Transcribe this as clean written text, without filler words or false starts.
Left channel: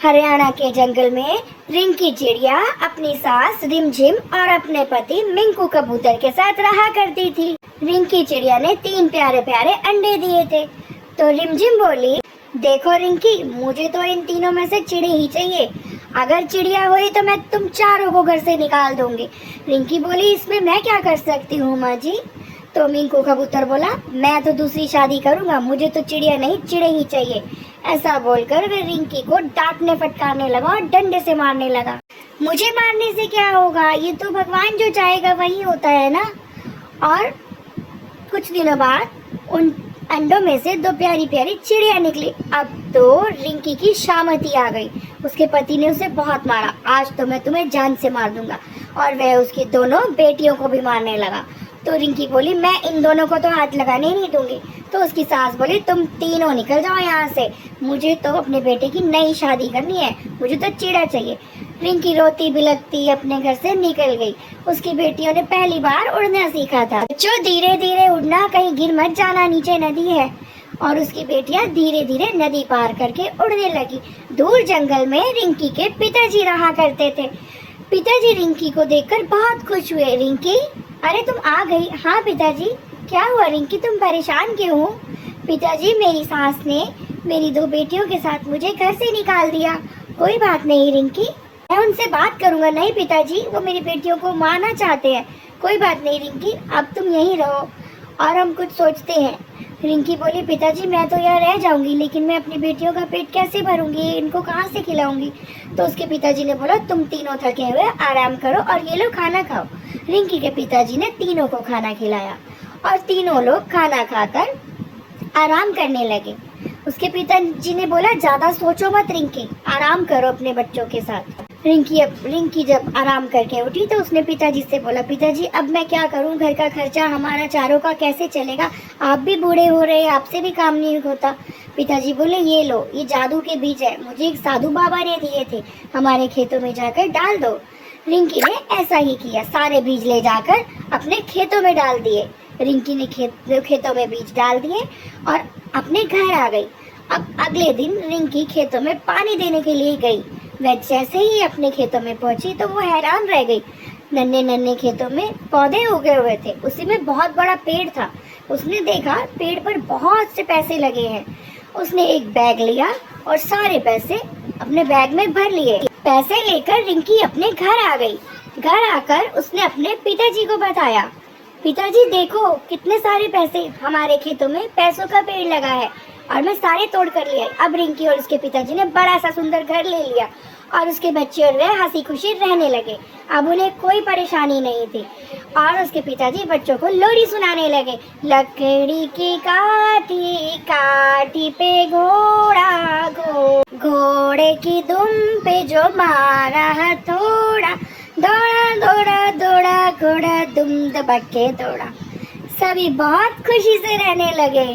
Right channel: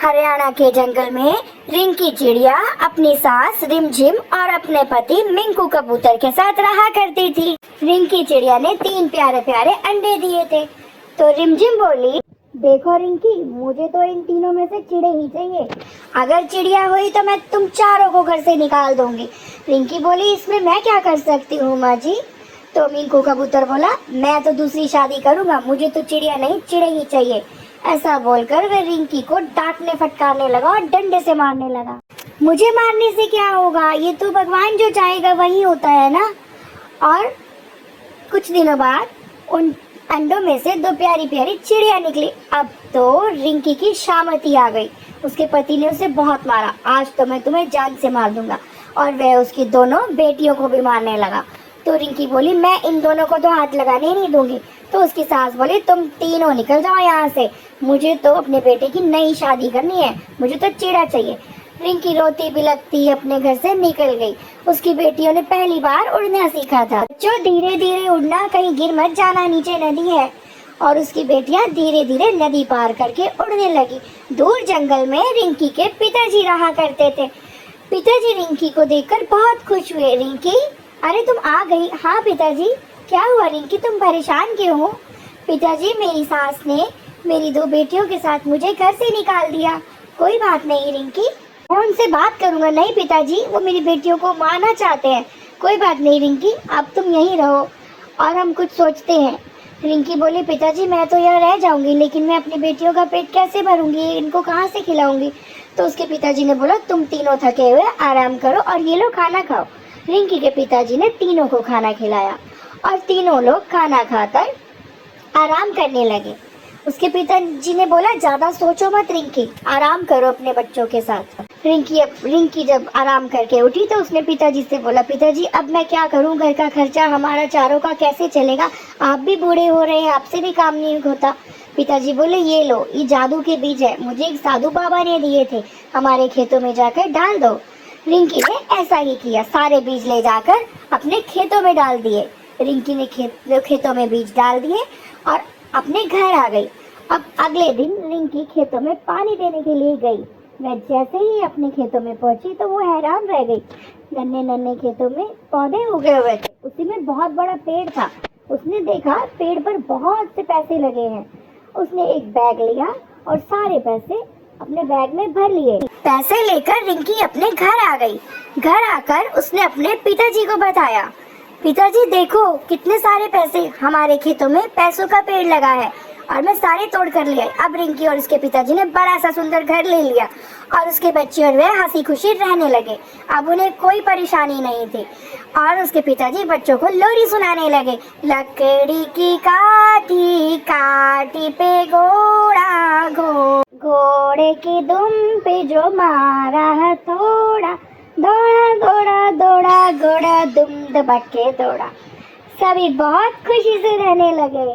हरियाणा के जंगल में रिंकी चिड़िया अपनी सास रिमझिम और अपने पति मिंकू कबूतर के साथ रहा करती थी। रिंकी चिड़िया ने 3 प्यारे प्यारे अंडे दिए थे। तो रिमझिम बोली, देखो रिंकी, मुझे तो इन तीनों में से चिड़ी ही चाहिए। अगर चिड़िया हुई तो मैं तुम चारों को घर से निकाल दूंगी। रिंकी बोली, इसमें मैं क्या कर सकती हूँ माँ जी। तो मिंकू कबूतर बोला, मैं तो दूसरी शादी करूंगा, मुझे तो चिड़िया नहीं चिड़ी ही चाहिए। ऐसा बोलकर वह रिंकी को डांटने फटकारने लगा और डंडे से मारने लगा। मुझे मारने से क्या होगा, ये तो भगवान जो चाहेगा वही होता है ना। और कुछ दिनों बाद उन अंडों में से 2 प्यारी प्यारी चिड़िया निकली। अब तो रिंकी की शामती आ गई। उसके पति ने उसे बहुत मारा। आज तो मैं तुम्हें जान से मार दूंगा। और वह उसकी दोनों बेटियों को भी मारने लगा। तो रिंकी बोली, मैं इन दोनों को तो हाथ लगाने ही नहीं दूंगी। तो उसकी सास बोली, तुम तीनों निकल जाओ यहाँ से, मुझे तो अपने बेटे की नई शादी करनी है, मुझे तो चिड़ा चाहिए। रिंकी रोती बिलखती अपने घर से निकल गई। उसकी बेटियों ने पहली बार उड़ना सीखा था। जो धीरे धीरे उड़ना, कहीं गिर मत जाना, नीचे नदी है। और उसकी बेटियां धीरे धीरे नदी पार करके उड़ने लगी। दूर जंगल में रिंकी के पिताजी रहा करते थे। पिताजी रिंकी को देखकर बहुत खुश हुए। रिंकी, अरे तुम आ गई। हाँ पिताजी। क्या हुआ रिंकी, तुम परेशान क्यों हो? पिताजी, मेरी सास ने मेरी 2 बेटियों के साथ मुझे घर से निकाल दिया। कोई बात नहीं रिंकी, मैं उनसे बात करूंगा। नहीं पिताजी, वो मेरी बेटियों को मारना चाहते हैं। कोई बात नहीं रिंकी, अब तुम यहीं रहो और हम कुछ सोचते हैं। रिंकी बोली, पिताजी मैं तो यहाँ रह जाऊंगी, लेकिन मैं अपनी बेटियों का पेट कैसे भरूंगी, इनको कहाँ से खिलाऊंगी? तो उसके पिताजी ने बोला, तुम तीनों थके हुए आराम करो और ये लो खाना खाओ। रिंकी के पिताजी ने तीनों को खाना खिलाया और तीनों लोग खाना खाकर आराम करने लगे। उसके पिताजी ने बोला, ज्यादा सोचो मत रिंकी, आराम करो अपने बच्चों के साथ। रिंकी जब आराम करके उठी तो उसने पिताजी से बोला, पिताजी अब मैं क्या करूं, घर का खर्चा हमारा चारों का कैसे चलेगा? आप भी बूढ़े हो रहे हैं, आपसे भी काम नहीं होता। पिताजी बोले, ये लो, ये जादू के बीज है, मुझे एक साधु बाबा ने दिए थे, हमारे खेतों में जाकर डाल दो। रिंकी ने ऐसा ही किया, सारे बीज ले जाकर अपने खेतों में डाल दिए। रिंकी ने खेतों में बीज डाल दिए और अपने घर आ गई। अब अगले दिन रिंकी खेतों में पानी देने के लिए गई। वह जैसे ही अपने खेतों में पहुंची तो वो हैरान रह गई। नन्हे नन्हे खेतों में पौधे उगे हुए थे, उसी में बहुत बड़ा पेड़ था। उसने देखा पेड़ पर बहुत से पैसे लगे हैं। उसने एक बैग लिया और सारे पैसे अपने बैग में भर लिए। पैसे लेकर रिंकी अपने घर आ गई। घर आकर उसने अपने पिताजी को बताया, पिताजी देखो कितने सारे पैसे, हमारे खेतों में पैसों का पेड़ लगा है और मैं सारे तोड़ कर ले आई। अब रिंकी और उसके पिताजी ने बड़ा सा सुंदर घर ले लिया और उसके बच्चे और वह हंसी खुशी रहने लगे। अब उन्हें कोई परेशानी नहीं थी। और उसके पिताजी बच्चों को लोरी सुनाने लगे। लकड़ी की काठी काठी पे घोड़ा घोड़े की दुम पे जो मारा हथौड़ा, दौड़ा दौड़ा दौड़ा घोड़ा दुम दबा के दौड़ा। सभी बहुत खुशी से रहने लगे।